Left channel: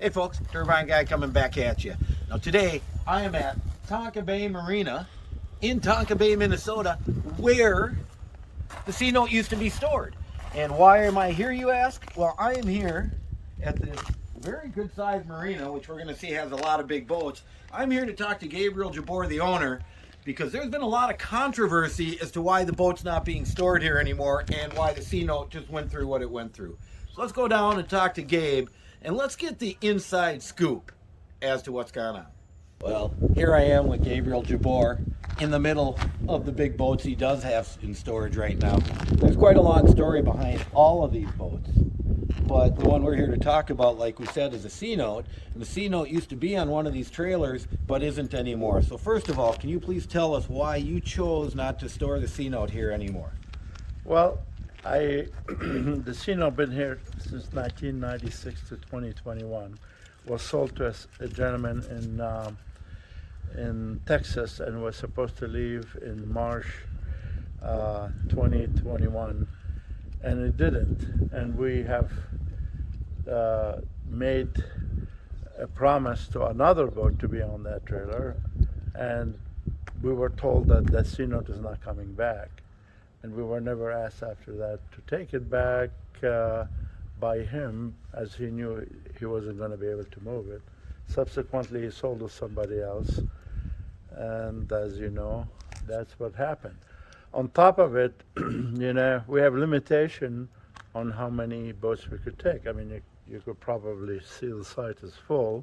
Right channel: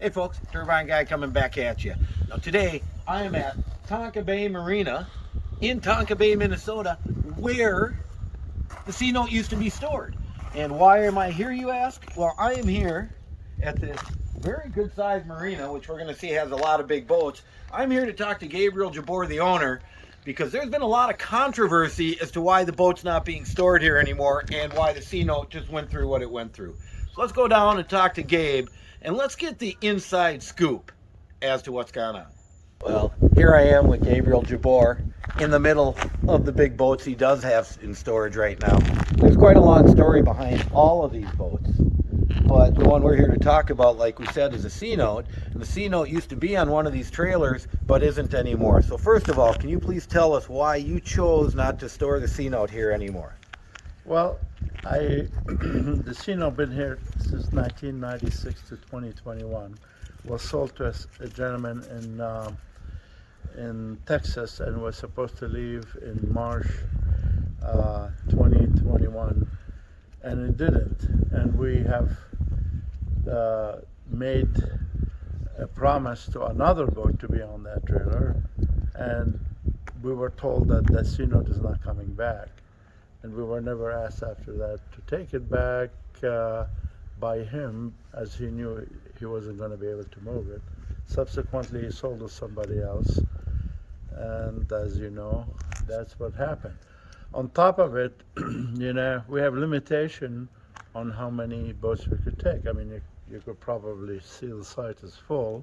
Hey folks, Turbine Guy coming back at you. Now today I am at Tonka Bay Marina in Tonka Bay, Minnesota, where the C note used to be stored. And why am I here, you ask? Well, I am here at this very good sized marina, which we're going to see has a lot of big boats. I'm here to talk to Gabriel Jabbour, the owner, because there's been a lot of controversy as to why the boat's not being stored here anymore and why the C note just went through what it went through. So let's go down and talk to Gabe and let's get the inside scoop as to what's going on. Well, here I am with Gabriel Jabbour in the middle of the big boats he does have in storage right now. There's quite a long story behind all of these boats, but the one we're here to talk about, like we said, is a C note. And the C note used to be on one of these trailers, but isn't anymore. So first of all, can you please tell us why you chose not to store the C note here anymore? Well, the C note been here since 1996 to 2021. Was sold to a gentleman in Texas and was supposed to leave in March 2021, and it didn't. And we have made a promise to another boat to be on that trailer, and we were told that the C note is not coming back. And we were never asked after that to take it back by him, as he knew he wasn't going to be able to move it. Subsequently, he sold to somebody else, and as you know, that's what happened. On top of it, we have limitation on how many boats we could take. I mean, you could probably see the site is full,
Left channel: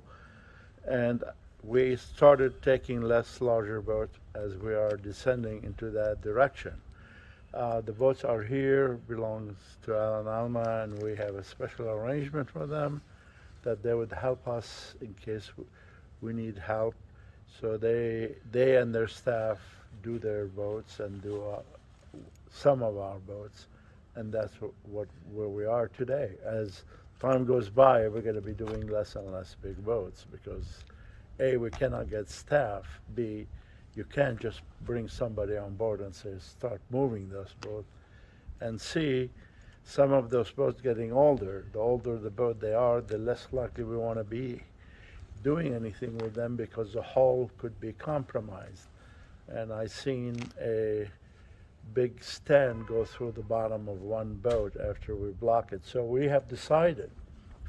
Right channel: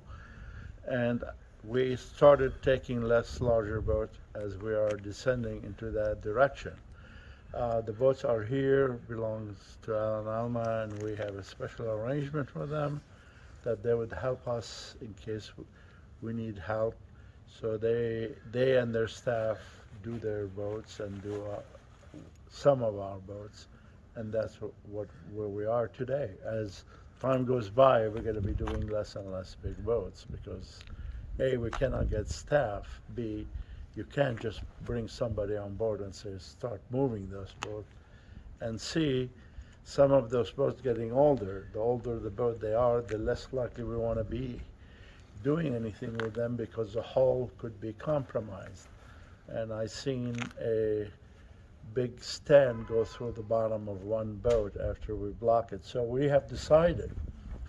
and we started taking less larger boats as we are descending into that direction. The boats are here, belongs to Alan Alma, and we have a special arrangement with them that they would help us in case we need help. So they and their staff do their boats and do some of our boats, and that's where we are today. As time goes by, we're going to be doing less and less big boats because A, we cannot get staff, B, you can't just bring somebody on board and say, start moving those boats. And C, some of those boats getting older. The older the boat they are, the less likely we want to be doing anything with them because the hull could be compromised. And I seen a big stand go through the bottom of one boat after we block it. So we have decided,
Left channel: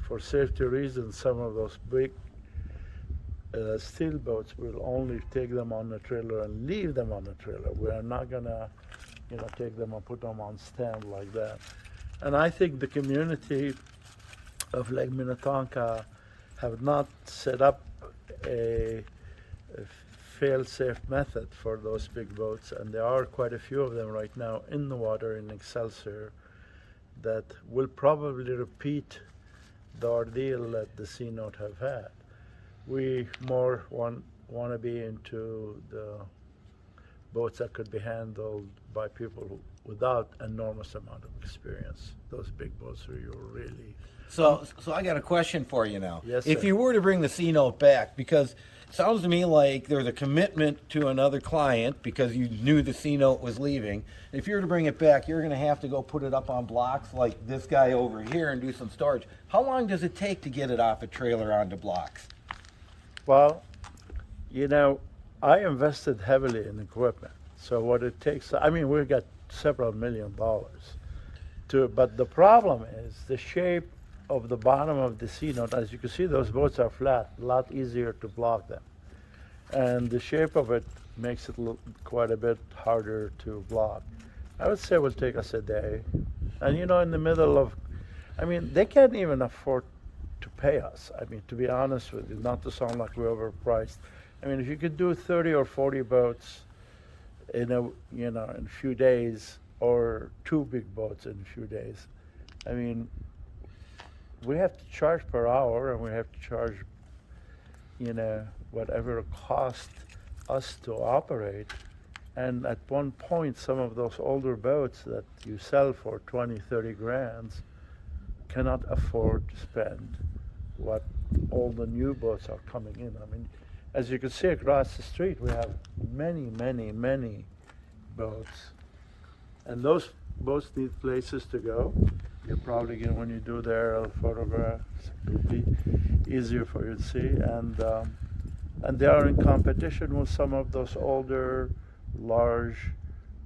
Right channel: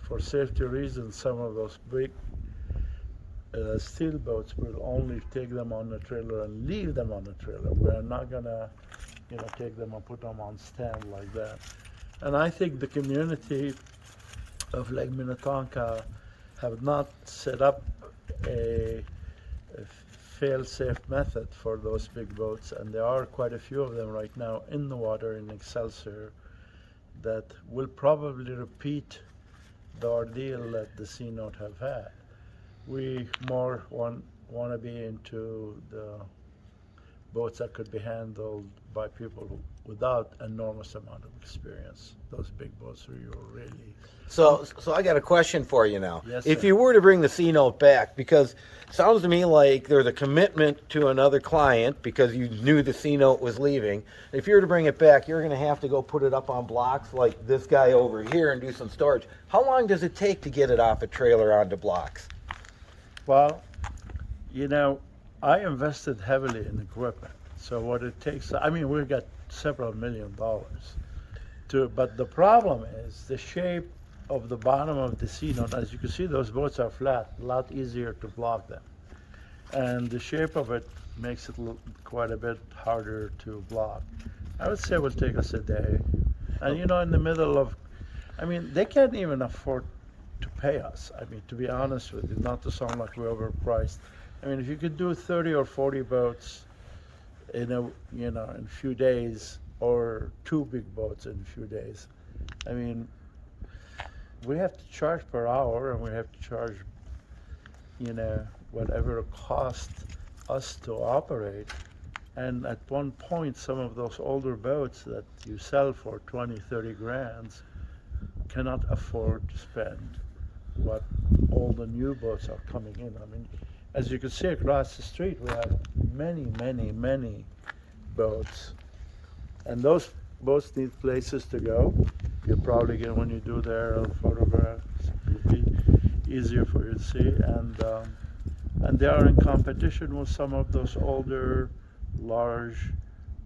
for safety reasons, some of those big steel boats, will only take them on the trailer and leave them on the trailer. We are not gonna, take them and put them on stand like that. And I think the community of Lake Minnetonka have not set up a fail-safe method for those big boats, and there are quite a few of them right now in the water in Excelsior that will probably repeat the ordeal that the C note have had. We more want to be into the boats that could be handled by people without enormous amount of experience. Those big boats where you're really... So I got a question for you now. Yes, if sir. you were to bring the C note back, because it sounds to me like there's a commitment to another client because you knew the C note was leaving. If you were to bring it back, you're going to have to go put it up on blocks like this guy over here and do some storage. How long does it take to get it off a trailer onto blocks? Well, I invested heavily in equipment. So what it takes, we've got several $1 million but the problem is the shape of the bottom of the C note. As you can see, those boats are flat, a lot easier to block them. And the shape of it makes it look quite a bit harder to block. I would say it will take us a day. And in the middle of, they can't even afford to pay us. To be honest with you, not to sound like we're overpriced. If you could do 30 or 40 boats in a few days, or 2 big boats in a few days, we have to charge per hour, and we have to charge, whatever it costs us to operate. And at one point, some of those older boats that you sell for 20, 30 grand cannot afford to spend what all the new boats are coming in. As you can see across the street, we have many, many, many boats. And those boats need places to go. You probably get, when you do their photographs, it'll be easier for you to see. And they are in competition with some of those older, large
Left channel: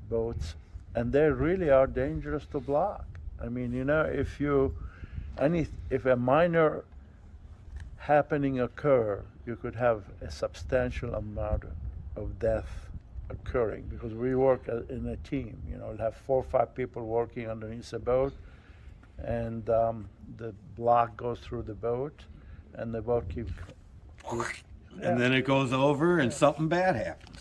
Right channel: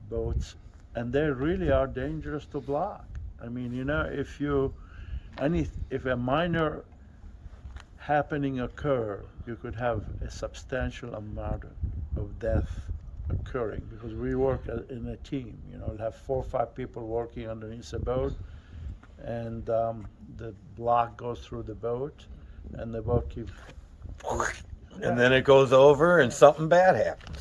boats, and they really are dangerous to block. I mean, you know, if a minor happening occur, you could have a substantial amount of death occurring, because we work in a team. You know, we'll have 4 or 5 people working underneath a boat, and the block goes through the boat, and the boat keeps. And then it goes over and something bad happens.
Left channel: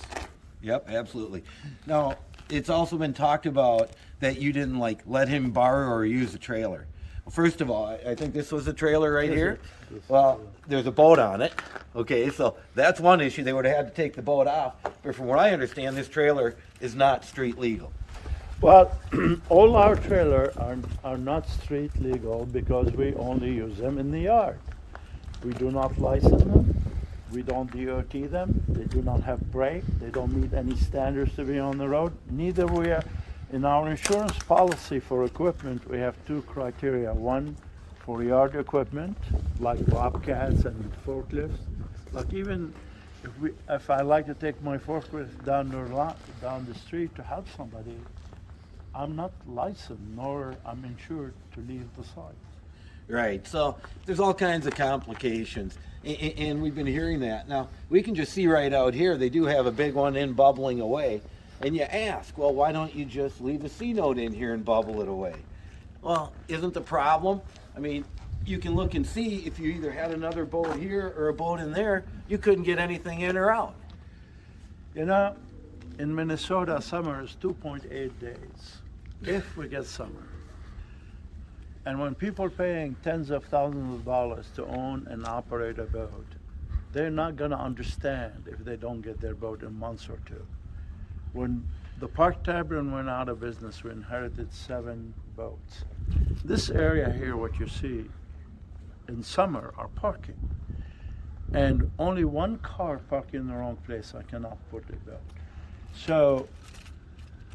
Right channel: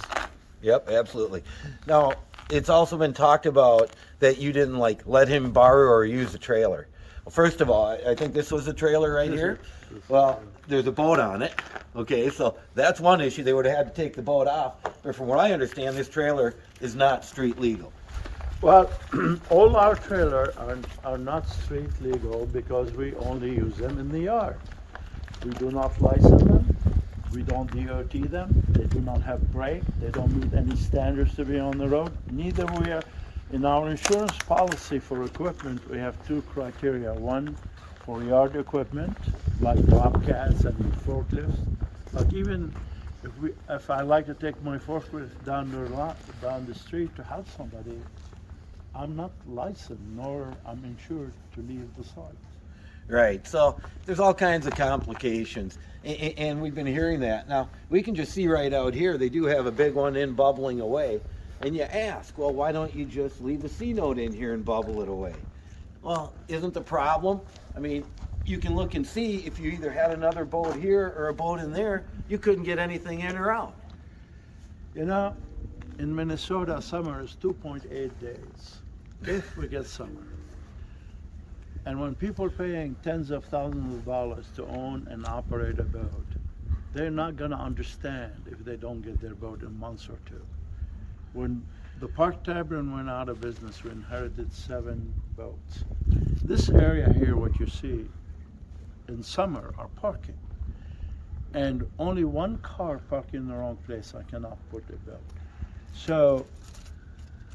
Yep, absolutely. Now, it's also been talked about that you didn't like let him borrow or use the trailer. Well, first of all, I think this was a trailer right here. Well, there's a boat on it. Okay, so that's one issue. They would have had to take the boat off. But from what I understand, this trailer is not street legal. Well, all our trailers are not street legal because we only use them in the yard. We do not license them. We don't DOT them. They do not have brake. They don't meet any standards to be on the road. Neither we are. In our insurance policy for equipment, we have 2 criteria. One, for yard equipment, like bobcats and forklifts. Like even if I like to take my forklift down the street to help somebody, I'm not licensed nor I'm insured to leave the site. Right, so there's all kinds of complications, and we've been hearing that. Now, we can just see right out here, they do have a big one in bubbling away, and you ask, well, why don't you just leave a C note in here and bubble it away? Well, isn't the problem? I mean, you can look and see if you either had another boat here or a boat in there, you couldn't get anything in or out. You know, in Minnesota, summer is 2.8 days, if we get summer. And when people are paying tens of thousands of dollars to own and operate a boat, they're not going to understand if they don't get their boat in months or 2. When the Park Tavern went out of business, we inherited 7 boats. This area here, what you see in summer, are parking. And only 1 car parked in the wrong place, I cannot put a boat. So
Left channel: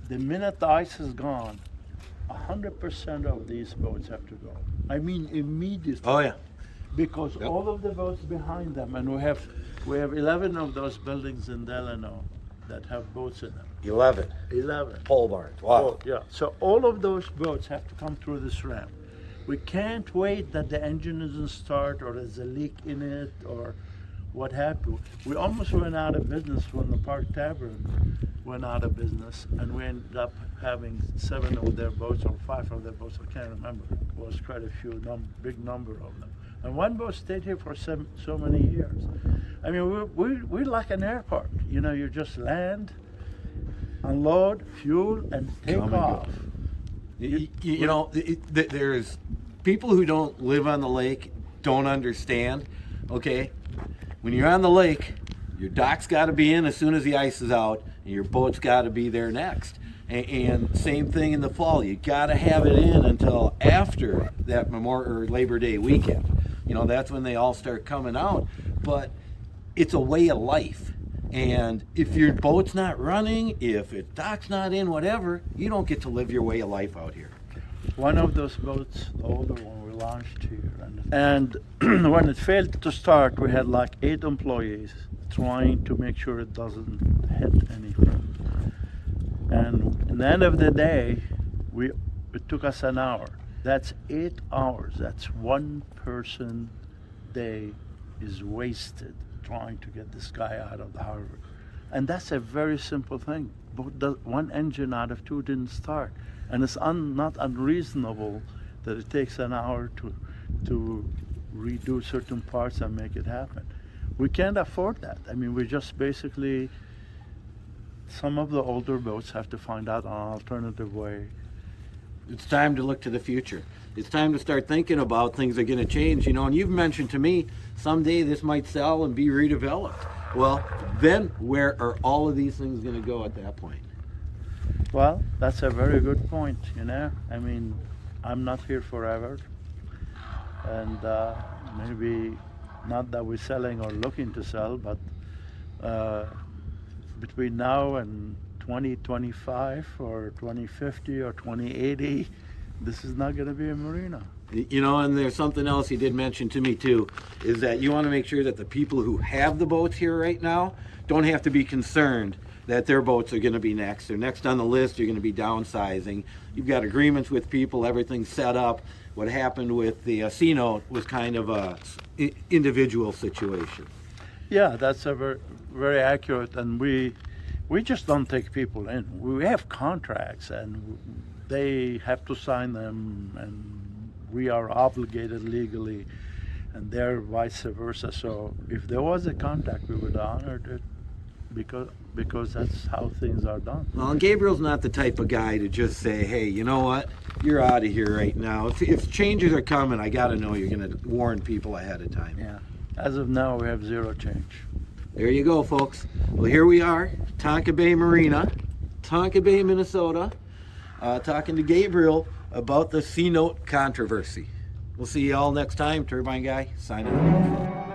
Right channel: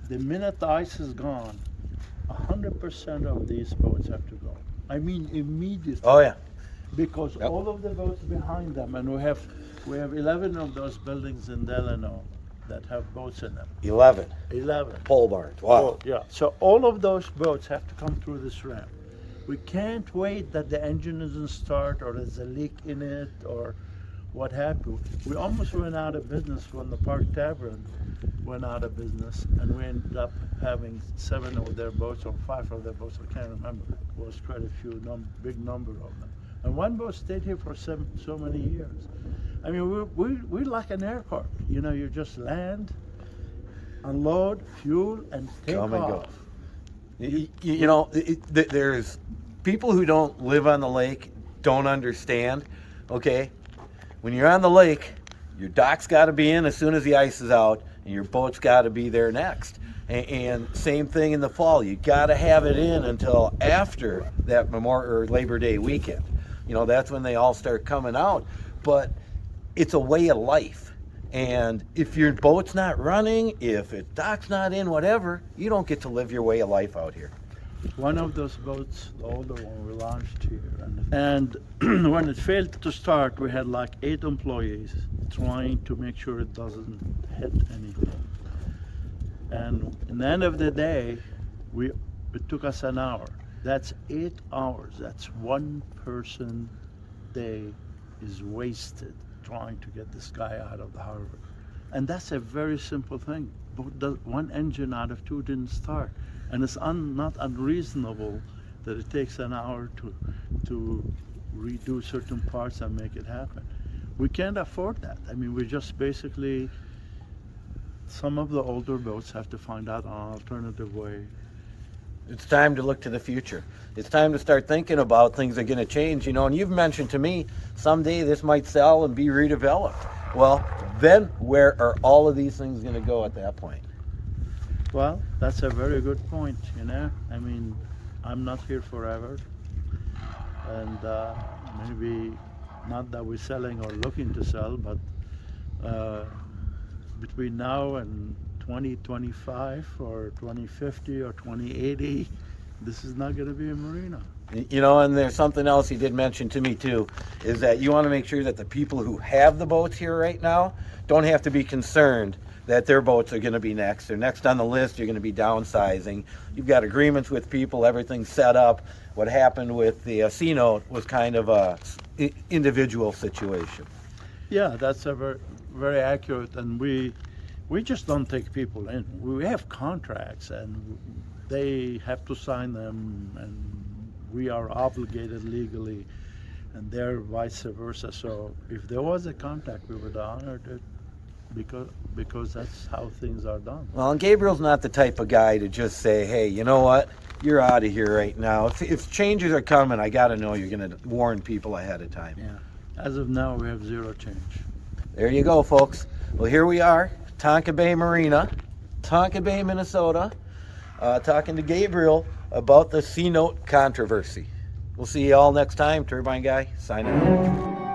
the minute the ice is gone, 100% of these boats have to go. I mean immediately. Oh yeah. Because all of the boats behind them, and we have 11 of those buildings in Delano that have boats in them. 11. 11. Pole barns. Wow. Yeah. So all of those boats have to come through this ramp. We can't wait that the engine doesn't start or there's a leak in it or what have you. We almost went out of business when the Park Tavern went out of business, and we ended up having 7 of their boats or 5 of their boats. I can't remember. It was quite a few, big number of them. And 1 boat stayed here for so many years. I mean, we're like an airport. You know, you just land, unload, fuel, and take off. You know, there's people who don't live on the lake don't understand. Okay, when you're on the lake, your dock's got to be in as soon as the ice is out, and your boat's got to be there next. And same thing in the fall. You got to have it in until after that Memorial or Labor Day weekend. You know, that's when they all start coming out. But it's a way of life. And if your boat's not running, if its dock's not in, whatever, you don't get to live your way of life out here. One of those boats, the older one, we launched here. And when it failed to start, we had like 8 employees trying to make sure it doesn't hit anything. And at the end of the day, it took us an hour. That's 8 hours. That's 1 person day is wasted trying to get this guy out of the harbor. And that's a very simple thing. But 1 engine out of 2 didn't start. And it's not unreasonable that it takes an hour to redo certain parts and make it happen. We can't afford that. I mean, we just basically, some of the older boats have to find out an alternative way. It's time to look to the future. It's time to start thinking about things that are going to change, you know, and you've mentioned to me someday this might sell and be redeveloped. Well, then where are all of these things going to go at that point? Well, that's a very good point, you know. I mean, I'm not here forever. And maybe not that we're selling or looking to sell, but between now and 2025 or 2050 or 2080, this is not going to be a marina. You know, and there's something else you did mention to me too, is that you want to make sure that the people who have the boats here right now don't have to be concerned that their boats are going to be next. They're next on the list, you're going to be downsizing. You've got agreements with people, everything's set up. What happened with the C-Note was kind of a individual situation. Yeah, that's a very, very accurate, and we just don't take people in. We have contracts, and they have to sign them, and we are obligated legally, and they're vice versa. So if there was a contact, we would honor it because that's how things are done. Well, and Gabriel's not the type of guy to just say, hey, you know what, you're out of here right now. If changes are coming, I got to know you're going to warn people ahead of time. Yeah. As of now, we have zero change. There you go, folks. Well, here we are, Tonka Bay Marina, Tonka Bay, Minnesota, talking to Gabriel about the C-Note controversy. We'll see you all next time. Turbine Guy, signing off.